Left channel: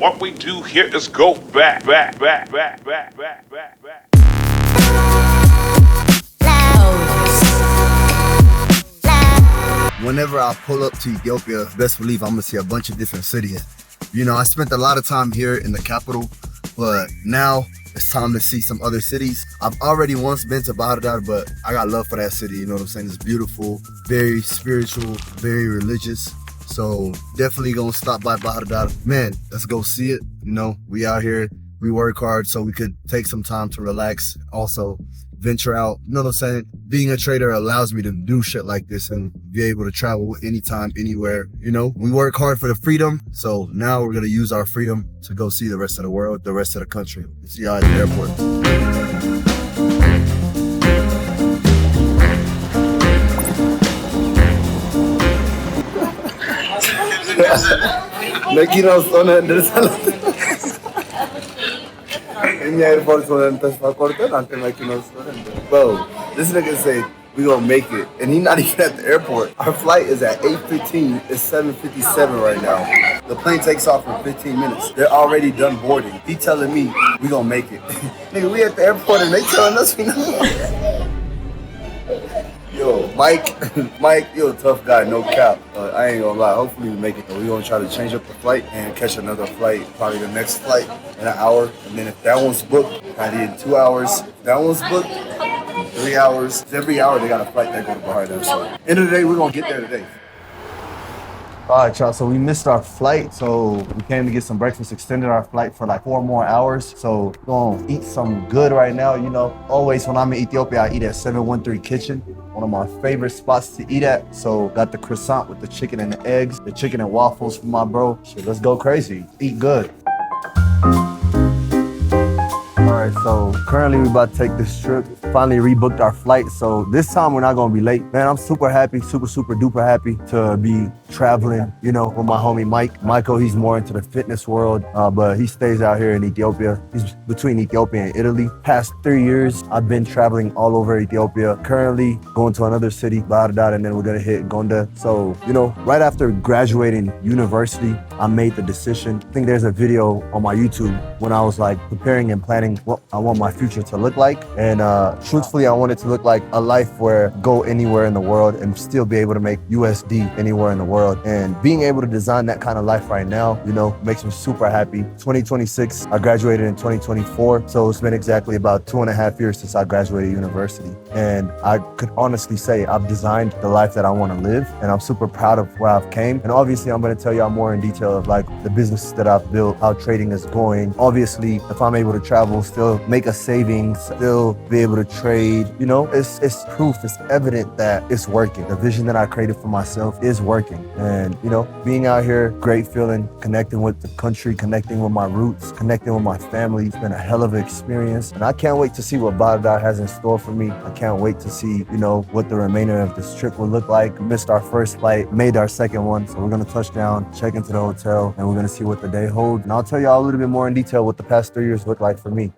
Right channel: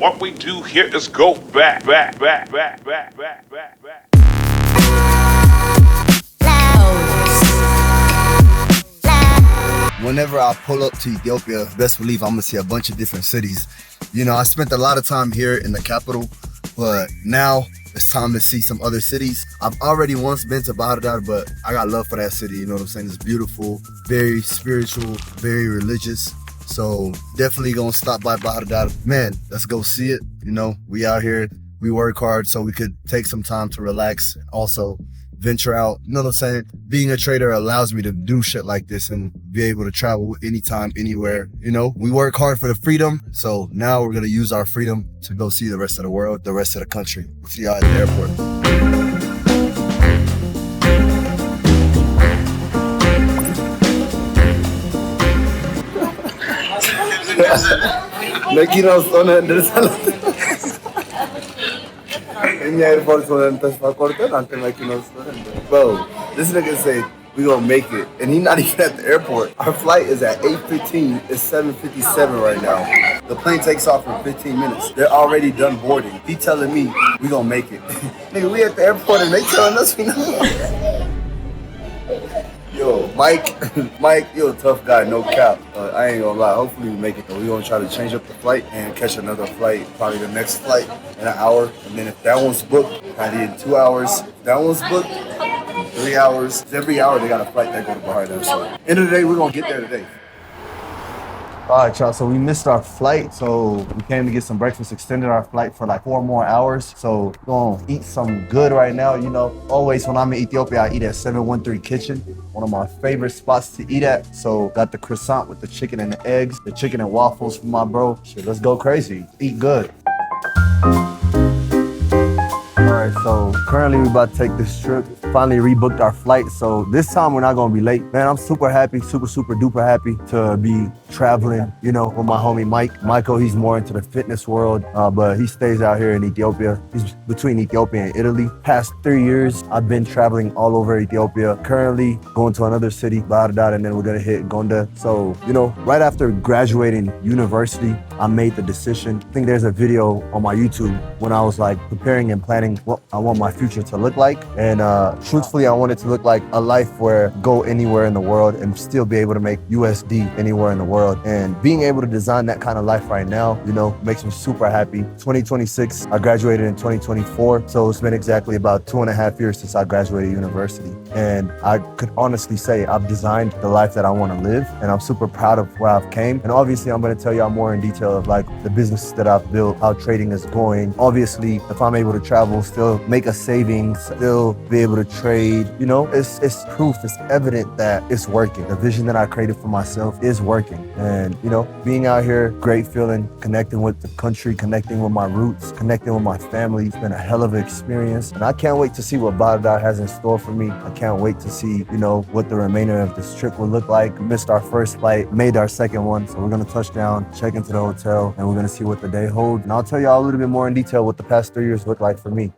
What we do here is go back. Whenever I pull up to Ethiopia, best believe I'm gonna see a bunch of different cities. You know, I spent a lot of time here in the capital, but now it's time to see some other cities. I've already once been to Bahir Dar, but I got love for that city. You know what I'm saying? It's beautiful, very spiritual, very religious. So definitely gonna stop by Bahir Dar. Man, let's go see it. You know, we out here, we work hard so we could take some time to relax. Also, venture out. You know what I'm saying? Being a trader allows me to do shit like this and be able to travel anytime, anywhere. You know, we work hard for the freedom. So now we're gonna use our freedom to go see the rest of the world, the rest of the country. We'll see y'all at the airport. Bro, this nigga say we gonna make it, and he not even at the airport. Our flight is at 8:15. It's 7:57 right now. The plane takes off in 15 minutes. They're already done boarding. He telling me we gonna make it. Nigga, we at the airport and they telling us we not. Yo, Mike, you're a tough guy, no cap. I ain't gonna lie. Hopefully we make it though. We gonna try to change up the flight and catch another flight, probably the next flight in an hour. And then if that one's booked, probably in 2 hours. If that one's booked, 3 hours. Every hour they got a flight that go to Bahir Dar. So end of the day, we're gonna get there today. All right, y'all, so we missed our flight. So we came to get some breakfast, extended our flight for like 4 more hours. So we're gonna eat some good right now. You know, always when I'm in Ethiopia, I eat at 713 Kitchen, one of my favorite spots to eat at. So got the croissant with the chicken and the eggs, the chicken and waffles for my bro. Shit, let's go crazy, eat good. All right, so currently we about to take this trip. Finally rebooked our flight, so this time we're not gonna be late. Man, I'm super happy, super duper happy to be traveling, you know, with my homie Mike. Michael, he's more into the fitness world, but he stays out here in Ethiopia. He's between Ethiopia and Italy. Past 3 years, I've been traveling all over Ethiopia. Currently going to another city, Bahir Dar, and then we're gonna hit Gonda. So, you know, right after graduating university, I made the decision. I think there's a video on my YouTube when I was like preparing and planning what I want my future to look like. And truthfully, I want it to look like a life where go anywhere in the world and still be able to make USD anywhere in the world. And being able to design that kind of life right now, you know, makes me super happy. 2026, I graduated in 2024. So it's been exactly about 2.5 years since I graduated university. And I could honestly say I've designed the life that I want to live. And I'm super proud of where I've came. And obviously, I'm going to tell y'all more in detail of like the business that I've built, how trading is going. Obviously, if I'm able to travel, still make a savings, still be able to trade, you know, it's proof, it's evident that it's working. The vision that I created for myself is working. And, you know, being out here, great feeling, connecting with the country, connecting with my roots, connecting with my family. It's been a hell of an experience. And I can't wait to see what Bahir Dar has in store for me. I can't wait to see, you know, what the remainder of this trip will look like. We missed our first flight, made our second one. So we're going to touch down, check into the hotel, and we're going to see what the day holds. And I'll tell y'all a little bit more in detail what the past 3 years look like for me.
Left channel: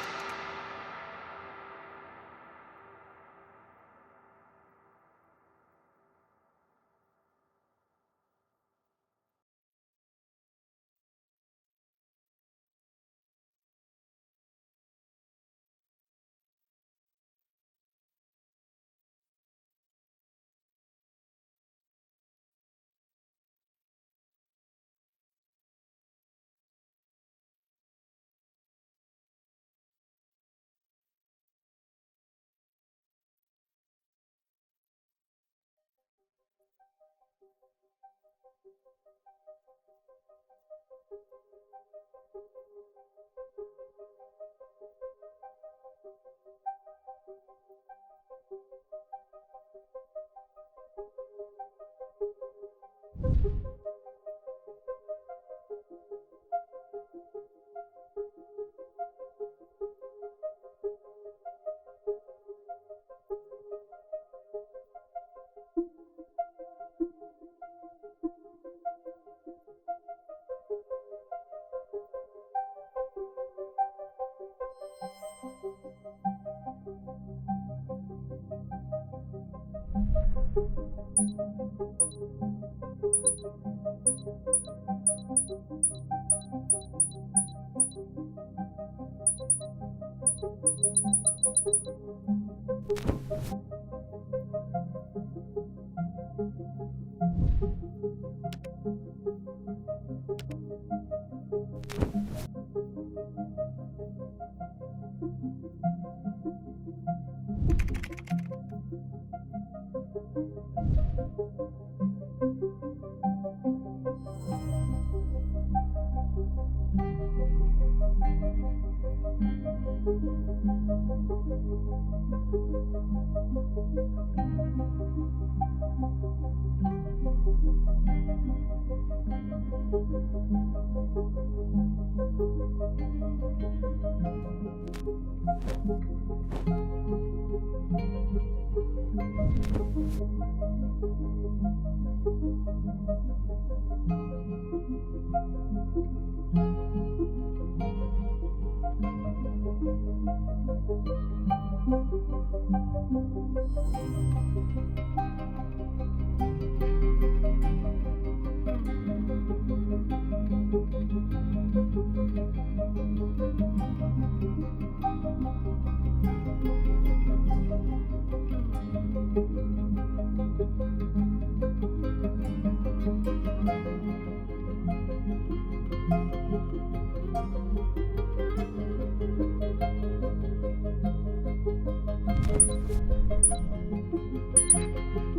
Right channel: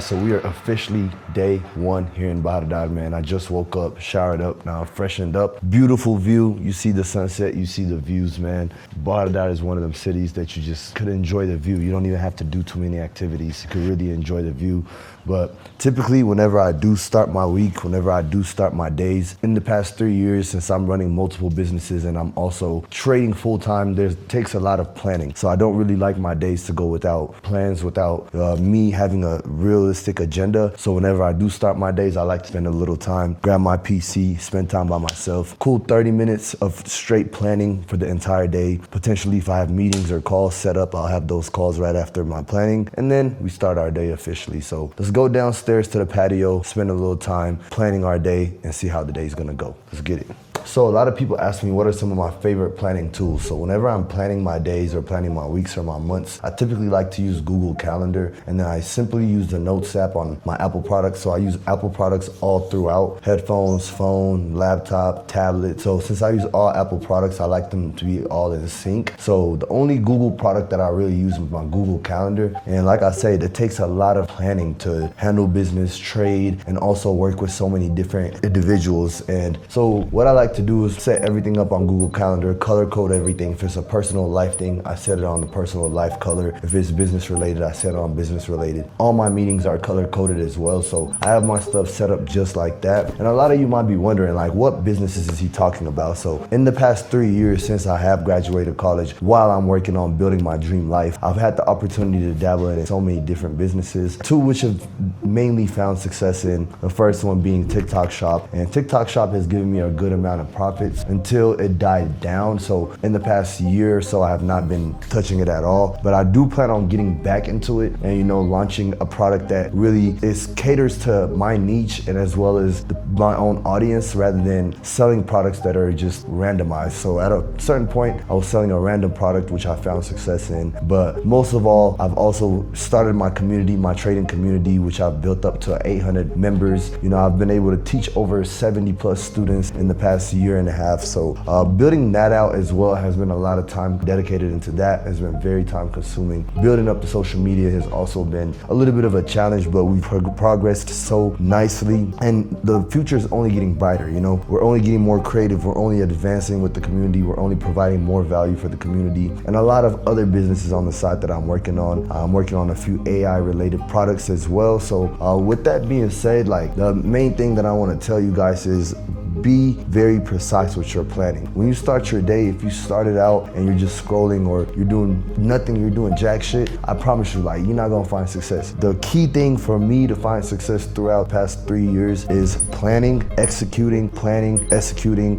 So we are officially day one here in Bahir Dar, man. I just woke up, showered up, now freshened up. Beautiful view. You see the sunset, you see the views, man. Bahir Dar is one of them cities that you just could enjoy the view. You don't even have to do too many activities. You could really enjoy the view. But typically, whenever I do start my week, whenever I do start my days, in the past 3 years, since I'm running multiple businesses and I'm also trading full time, there takes a lot of planning. So I don't really like my days to go without plans, without me having a realistic agenda. So whenever I do start my days, I like to spend a little time, grab my PC, spend time by myself. Cool 30 minutes of straight planning for the entire day. Potentially, if I have meetings or calls set up, I'll have those calls right after my planning. And then we start our day officially. So let's go downstairs to the patio, spend a little time planning our day and see how the day's gonna go. Let's get it. So a lot of people ask me what are some of my favorite planning tools. So whenever I'm planning my days or planning my weeks or my months, I typically like to use Google Calendar, and then I simply use the Notes app on my Apple products. So I use Apple products all throughout: headphones, phone, laptop, tablet. So since I use all Apple products, I like them to be all in sync. So the only Google product that I really use is my Google Calendar. And like I said, it takes a lot of planning to handle business, trade, and also work with so many different individuals. And so what I like to do is set everything up on Google Calendar, color code everything. If it's a personal life thing, I set it on the personal life color. If it's business related, I set it on business related. All my meetings are color coded as well. So I have my stuff set up just like that. And a lot of you might be wondering, like, what businesses is he talking about? So in the past 3 years since I have graduated college, while I'm working on building my dream life, I've had the opportunity to dabble in so many different businesses, two which have mainly found success in. The first one being TikTok Shop. And TikTok Shop has given me a good amount of profits until it died down. So in the past year or so, I have not been touching it at all. But I do plan on getting back into it and, launching a product that really caters to my niche and as well as my own audience, rather than selling products that are just randomized. So at a certain point, I was selling a random product, which I found success in. But most of all, I've also started my community, my trading community, which I've built up to 800 members. I've been able to teach over 70 plus students in the past year and a half. So building that out as well has been a lot of time dedicated into that, has been very time consuming. Building up the social media has also been a little bit of a challenge, but we've progressed so nicely, and the future is only getting brighter. We're only getting more creative, we're only advancing with the community, we're only providing more value for the community, and a lot of other businesses on the side that I'm working on. I'm working on a few AI related products as well. So with that being said, the main thing that I want to tell you guys is be very precise with your planning. When you start your day, if you started out and you're just scrolling or you're doing nothing, you're doing jack shit, I promise you, you're not gonna find success. The key thing for me to find success throughout the past 3 years is planning, executing,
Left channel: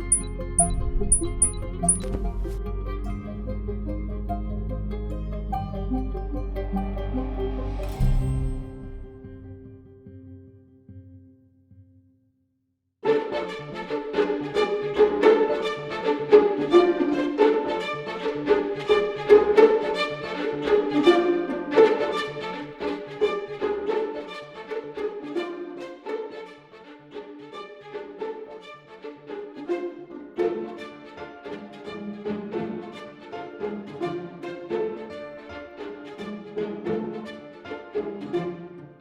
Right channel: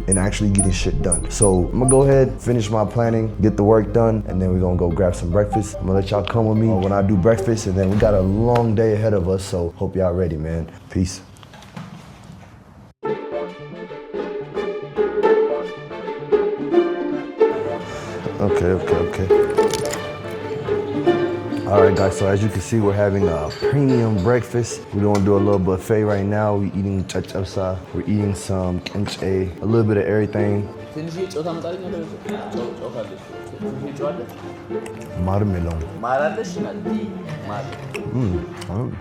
and actually getting shit done. So I'm gonna go ahead, finish my planning, get the work done, and then we're gonna go grab some breakfast. I'm gonna let y'all come with me when I do breakfast, and then we got a long day ahead of us, so hope y'all ready, man. Peace. Okay. All right, guys, so as you can see, we're having a premium breakfast. We're gonna do a little buffet right now. We're eating chachapsa, we're eating some kimchi, a little bit of everything. Marmelon.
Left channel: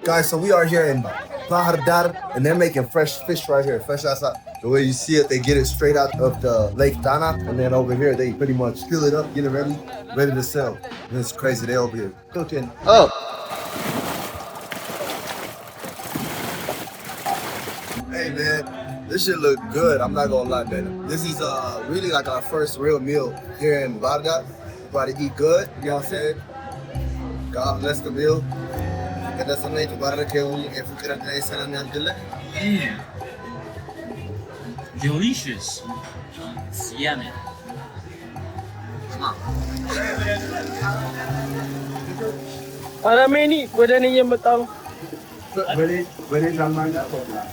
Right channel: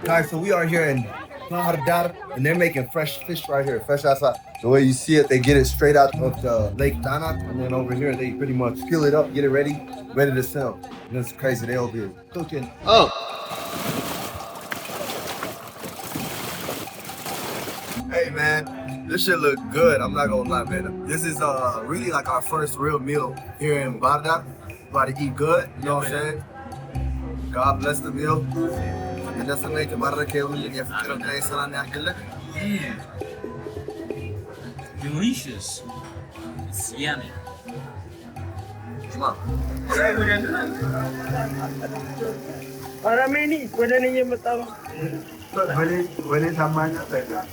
Guys, so we are here in Bahir Dar, and they're making fresh fish right here, fresh outside. The way you see it, they get it straight out of the Lake Dana, and then over here, they pretty much peel it up, get it ready to sell. And it's crazy, they over here cooking. Oh! Hey man, this shit look good, I'm not gonna lie, man. This is really like our first real meal here in Bahir Dar. About to eat good, you know what I'm saying? God bless the meal. Delicious. It's yummy. Parang ini, pwede niya matawag. Boleh tambah tak?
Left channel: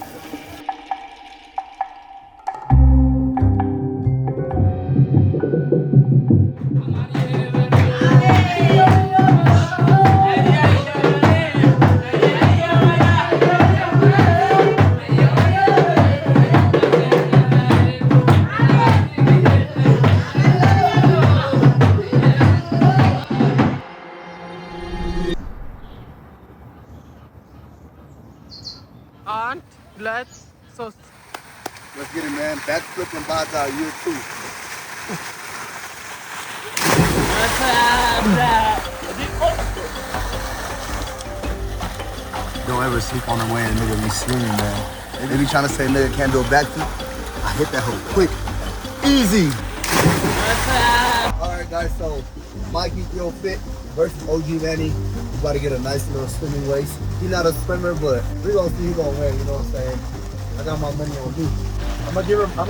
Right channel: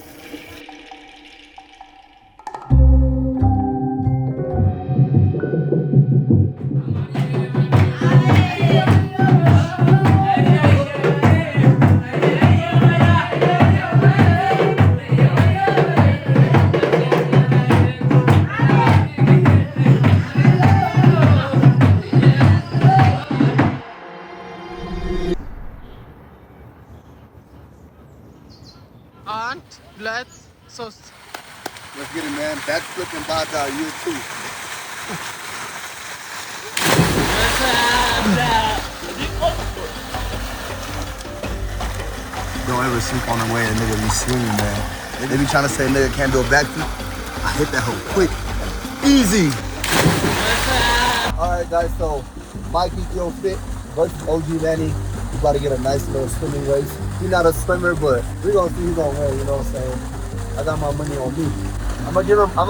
And let's sauce. Let's get it, man. Backflip and Bahir you too. Don't ever sleep on the way a nigga be swinging, man. They be trying to say nigga can't do a backflip. I hit that hoe quick. Easy. All right, guys, so Mikey Feel Fit versus OG Manny. We about to get a nice little swimming race. He's not a swimmer, but we're gonna see who's gonna win, you know what I'm saying? I got my money on me. I'm gonna give him a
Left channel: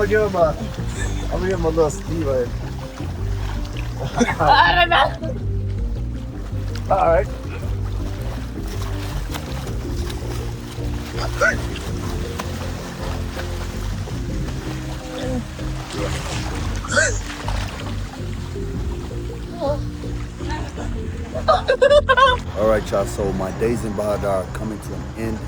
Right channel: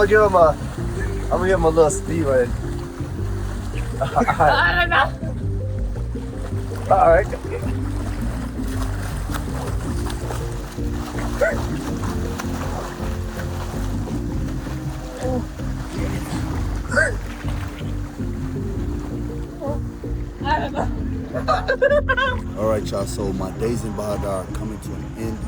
little speed race. I don't know. All right. All right, y'all. So my days in Bahir Dar are coming to an end.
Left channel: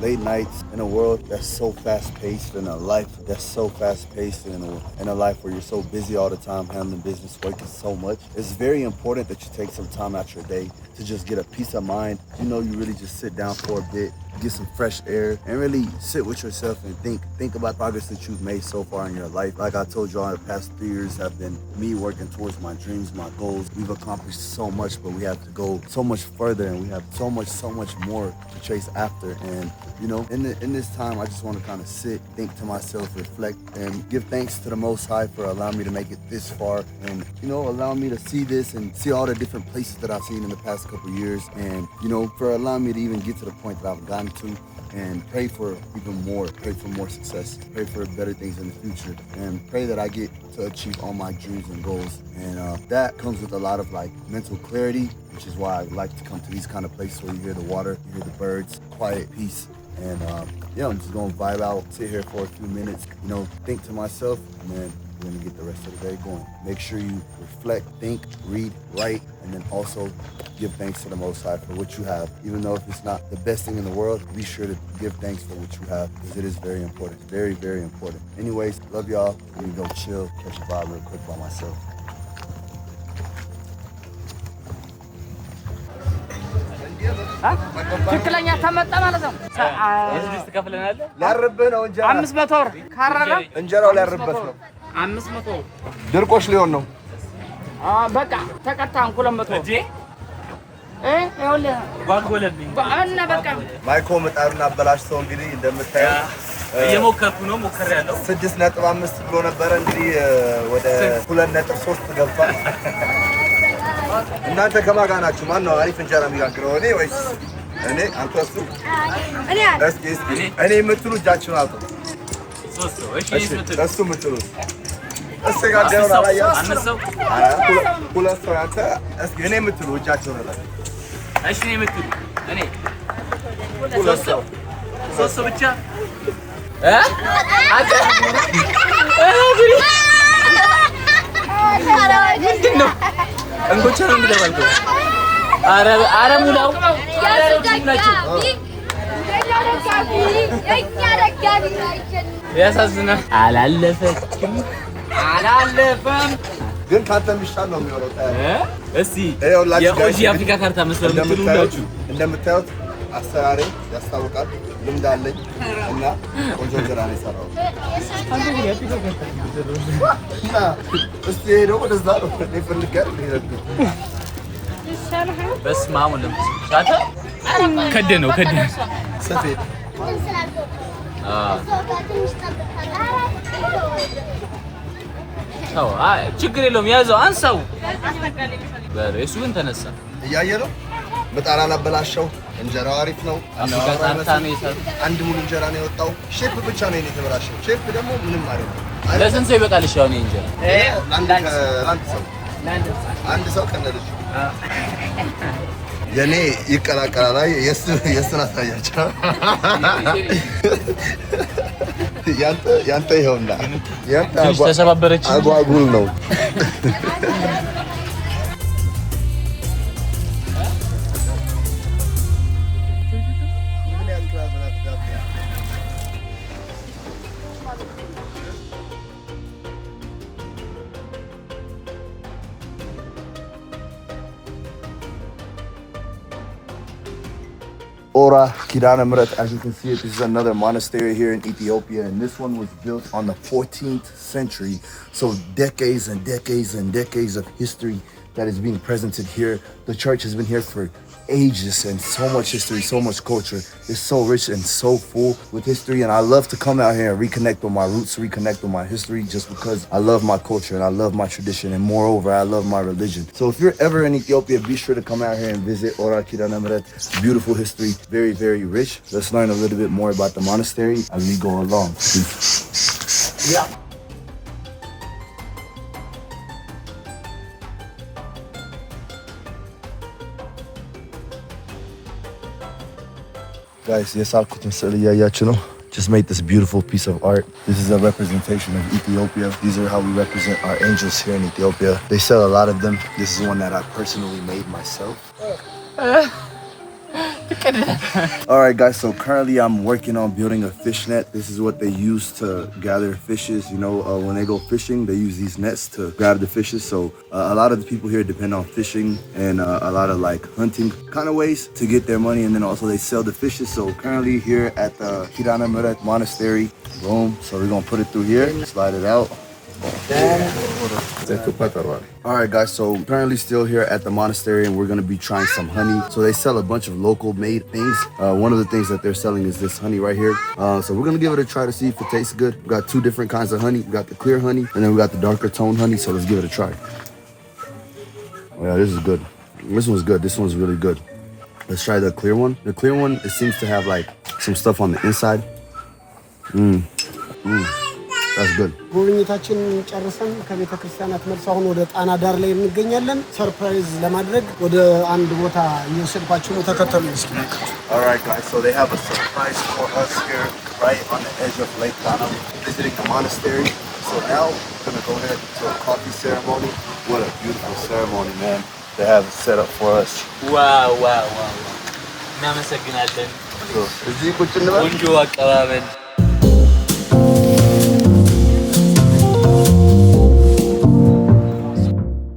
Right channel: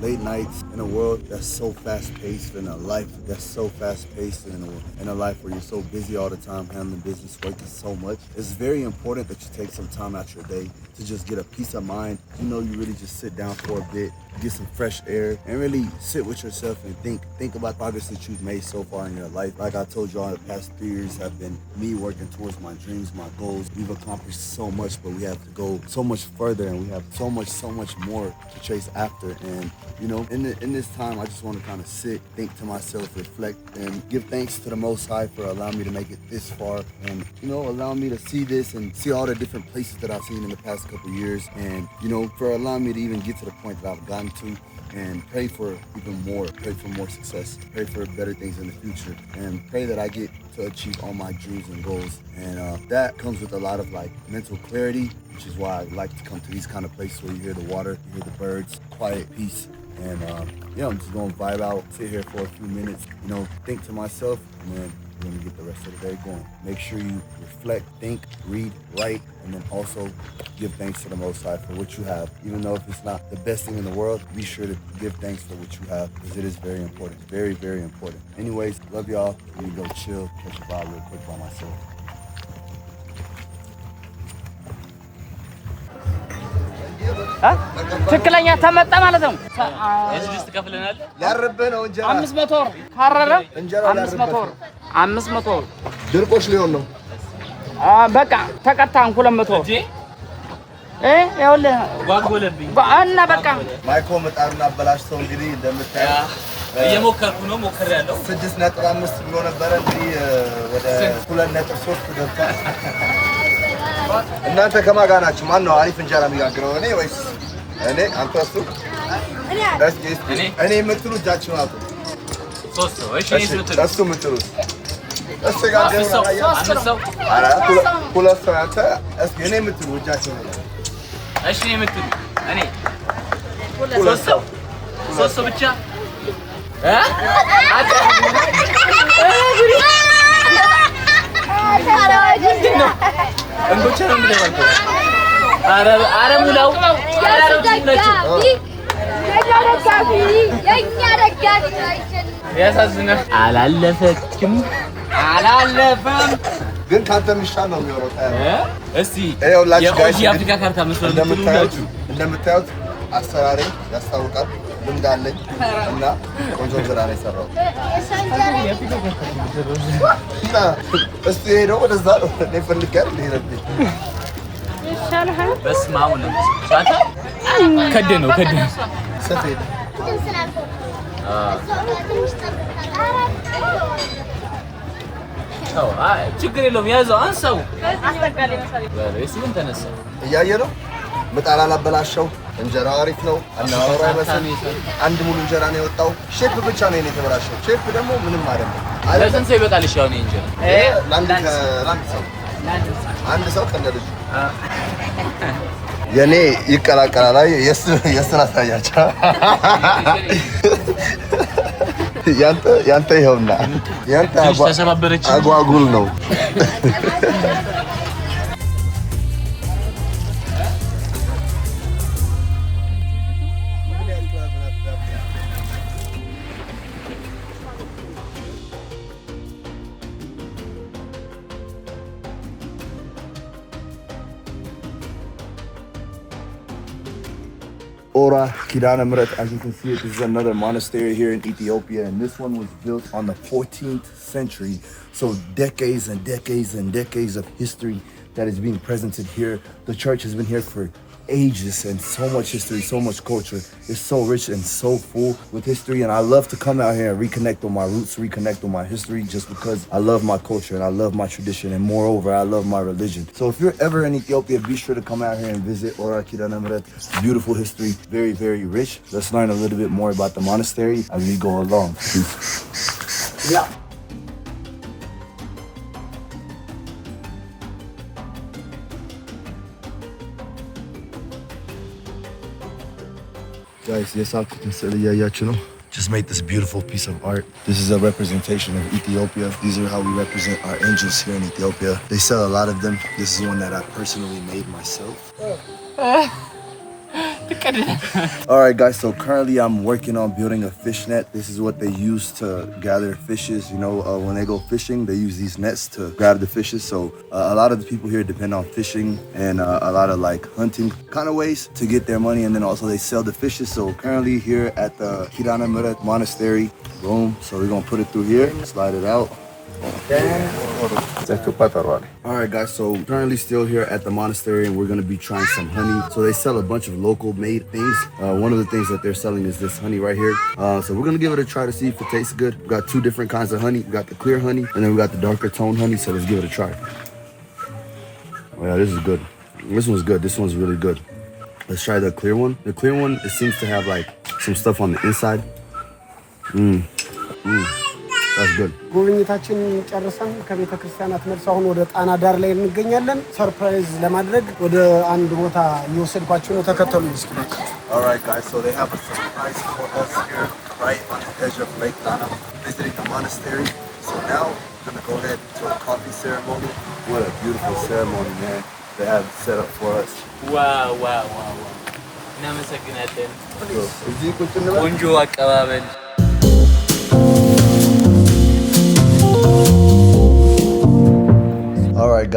Late nights in a world that's so fast-paced, in a life that's so fast-paced, in a life where you're so busy all the time, handling business, working so much. It's very important that you take some time out your day to just get a peace of mind. You really just sit down for a bit, get some fresh air, and really sit with yourself and think about progress that you've made so far in your life. Like I told y'all, the past 3 years have been me working towards my dreams, my goals. We've accomplished so much, but we have to go so much further, and we have so much more to chase after. And in this time, I just want to kind of sit, think to myself, reflect, and give thanks to the Most High for allowing me to make it this far, and allowing me to see this and see all the different places that I've seen in the past couple years, and for allowing me to even get to the point that I've gotten to. And pray for even more, pray for more success, pray for better things in the future, and pray that I get to achieve all my dreams and goals. And that comes with a lot of mental clarity, which is why I like to come to these kind of places where you hear the water, you hear the birds, quiet, peace. And I'm just gonna vibe out, sit here for a few minutes, think to myself, and then we're gonna get the rest of the day going. Make sure you reflect, think, read, write, and then also give thanks to the Most High for what you have. Even though if it's not the best thing in the world, be sure to give thanks for what you have, because it is very important. It's very, very important. Anyways, love y'all. Let me go chill, catch a vibe real quick by myself. ትክክለኛ ተመጣ ማለት ነው። ላርብህ ነው እንጀራ 500 ብር ካረረ እንጀራው ላርበት ነው። 500 ብር ድርቆሽ ሊሆን ነው። በቃ ተቀጣን 200 እንዴ ይኸውልህ ጓጎለብኝ እና በቃ ማይኮ ምጣዱን አበላሽተው እንግዲህ እንደምታየው እየሞከርኩ ነው። ሞክሬያለሁ። 6.5 ብሎ ነበረ እንግዲህ ወደ 2.3 ገብቷል። እናንተ ከማን ጋር ናችሁ? ማን ነው አሪፍ እንጀራ የሚጋግረው? እኔ ወይስ እኔ? አንተ? እሱ? እኔ የምትሉ እጃችሁን አውጡ። እሱ የምትሉ እሱ የጋገረውን አላያችሁም? ሁለት ሰው አንተ። እስኪ እኔ የምትሉ እጃችሁን አውጡ። እሺ እኔ የምትሉ እኔ ሁለት ሰው ብቻ አላለፈም ግን ካንተ የሚሻል ነው የሚሆነው። እስቲ የአፍሪካ ካርታ መስሏል የምትሉላችሁ እንደምታዩት አሰራሬ ያስታውቃል። ልምድ አለኝ እና ቆንጆ እንጀራ ነው የሰራሁት። እስቲ ሄዶ ወደዛ ነው ፈልግ ያለ ይሄድብኝ። በስመ አብ ወወልድ ሻታ ከደነው ሰፌድ ችግር የለውም። ያዘው አንሳው። እሱን ተነሳ እያየ ነው። ምጣድ አላበላሸው። እንጀራው አሪፍ ነው። አናወራ አይመስልም። አንድ ሙሉ እንጀራ ነው የወጣው። ሼፕ ብቻ ነው የተበላሸው። ሼፕ ደግሞ ምንም አይደለም። ለስንት ሰው ይበቃል? እሺ አሁን እንጀራ አንድ ሰው ከነልጅ የኔ ይቀላቀላል። አይ የስራ ታያቸው ያንተ ይኸውና ያንተ አጓጉል ነው። Ura Monastery. As you can see, this is another monastery here in Ethiopia, and this one was built on the 14th century. So decades and decades and decades of history that is being presented here. The church has been here for ages, and so much history, so much culture. It's so rich and so full with history, and I love to come out here and reconnect with my roots, reconnect with my history, just because I love my culture and I love my tradition, and moreover, I love my religion. So if you're ever in Ethiopia, be sure to come out here and visit Ura Monastery. Beautiful history, very, very rich. Let's learn a little bit more about the monastery as we go along. Yeah. Guys, just made this beautiful piece of art. This is a representation of Ethiopia. These are how we represent our angels here in Ethiopia. They sell a lot of them. This is one that I personally made myself. All right, guys, so currently I'm working on building a fish net. This is what they use to gather fishes. You know, when they go fishing, they use these nets to grab the fishes. So a lot of the people here depend on fishing and a lot of like hunting kind of ways to get their money. And then also they sell the fishes. So currently here at the Ura Monastery, boom. So we're gonna put it through here, slide it out. All right, guys, so currently still here at the monastery and we're going to be trying some honey. So they sell a bunch of local made things. One of the things that they're selling is this honey right here. So we're going to give it a try to see if it tastes good. We got two different kinds of honey. We got the clear honey and then we got the darker tone honey. So let's give it a try. Oh yeah, this is good. This one's good. This one's really good. Let's try the clear one. The clear one, it seems to have like some stuff on the inside. That's good. ጉብኝታችን ጨርሰን ከቤተ ክርስቲያናት መልስ አሁን ወደ ጣና ዳር ላይ እንገኛለን። ሰርፕራይዝ ለማድረግ ወደ አንድ ቦታ እየወሰድኳችሁ ነው። ተከተሉኝ እስኪ። All right, guys, so they have a surprise for us here right on the edge of Lake Tana, visiting the monastery. So now we're going to go ahead to a coffee ceremony. What a beautiful ceremony, man. They have it set up for us. ዋው ዋው ዋው እናመሰግናለን። እዚህ ቁጭ እንበል። ቆንጆ አቀባበል።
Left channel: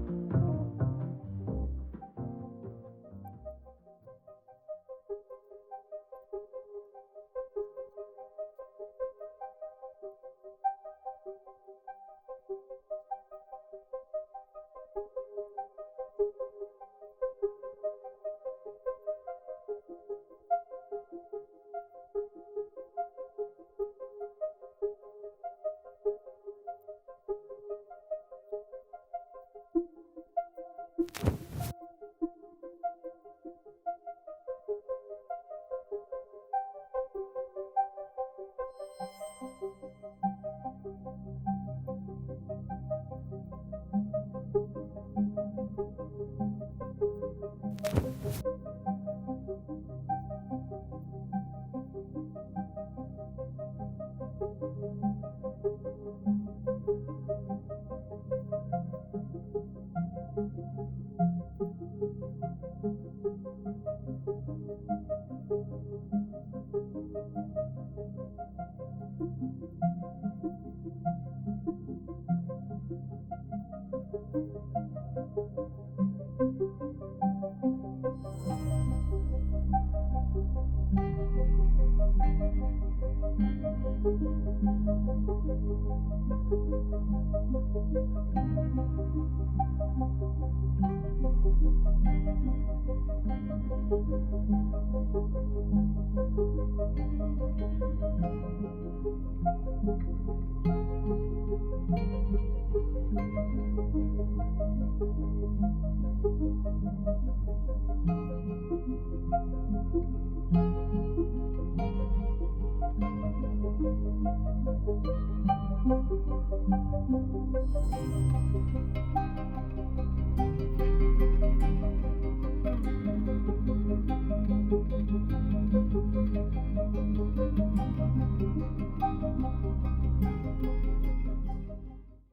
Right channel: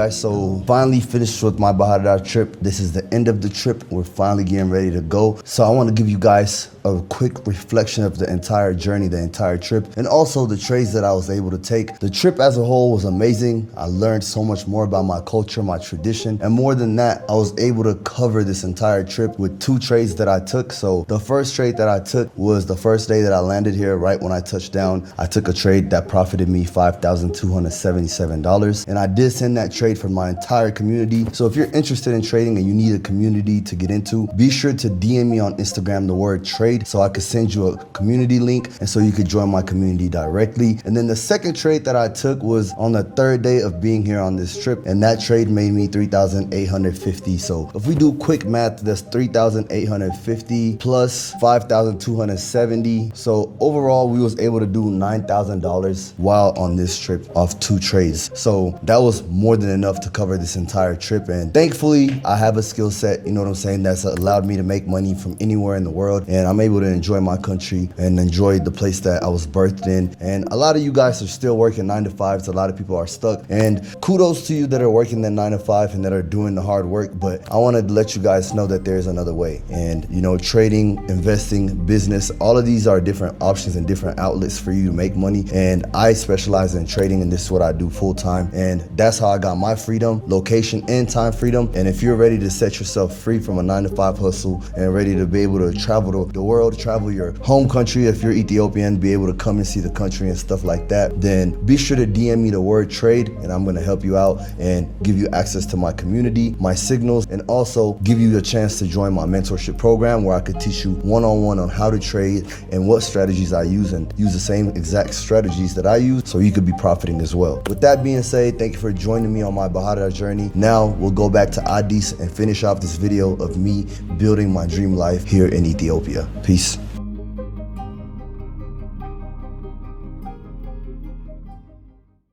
Guys, so finally finished with my Bahir Dar trip. This is the end of the trip. We're finally getting ready to go. So I want to give you guys a quick reflection of the entire journey, the entire trip, and also the trades that I was able to take. The trip as a whole was amazing. I learned so much more about my culture, my tradition, and more than that, I was able to cover this entire trip with two trades that I took. So the first trade that I took was the first day that I landed here. Right when I touched down, I took a trade that profited me $5,277, and I did send that trade for my entire community. So if you're interested in trading and you need a community to get into, be sure to DM me on Instagram the word trade so I could send you a community link and so you could join my community directly. And then the second trade that I took was on the third day of being here on this trip, and that trade made me $3,850. So if we do quick math, that's $3,850 plus $5,270. So overall, we was able to do $9,000 while on this trip off two trades. So that was more than enough to cover this entire trip, and thankfully I have a skill set, you know what I'm saying, that's allowed me to make money from anywhere in the world, and I'm able to enjoy my country and enjoy the place that I was birthed in. And a lot of you guys are still working 9 to 5s. A lot of people are stuck, and kudos to you that are working that 9 to 5 and that are doing the hard work, but I want to let you guys know that there's another way. And you know, trading, investing, business, all of these are different options and different outlets for you to make money, and I specialize in trading, and this is what I do full time, and that's how I got my freedom, location, and time freedom. And if you're ready to set yourself free from a 9 to 5 hustle and ready to be able to travel the world, travel your home country, if you're Ethiopian, be able to come and see the country and stuff like that, then be sure to DM me the word trade, and I'm going to help you out and give you access to my community, my signals, and also give you the chance to join my mentorship program where I could teach you one-on-one on how to trade and what strategies I use, and use the same exact strategies that I use so you could be profiting as well. With that being said, thank you for joining me on my Bahir Dar journey. Now we'll go back to Addis and finish off this video of me building my dream life here in Ethiopia. Peace.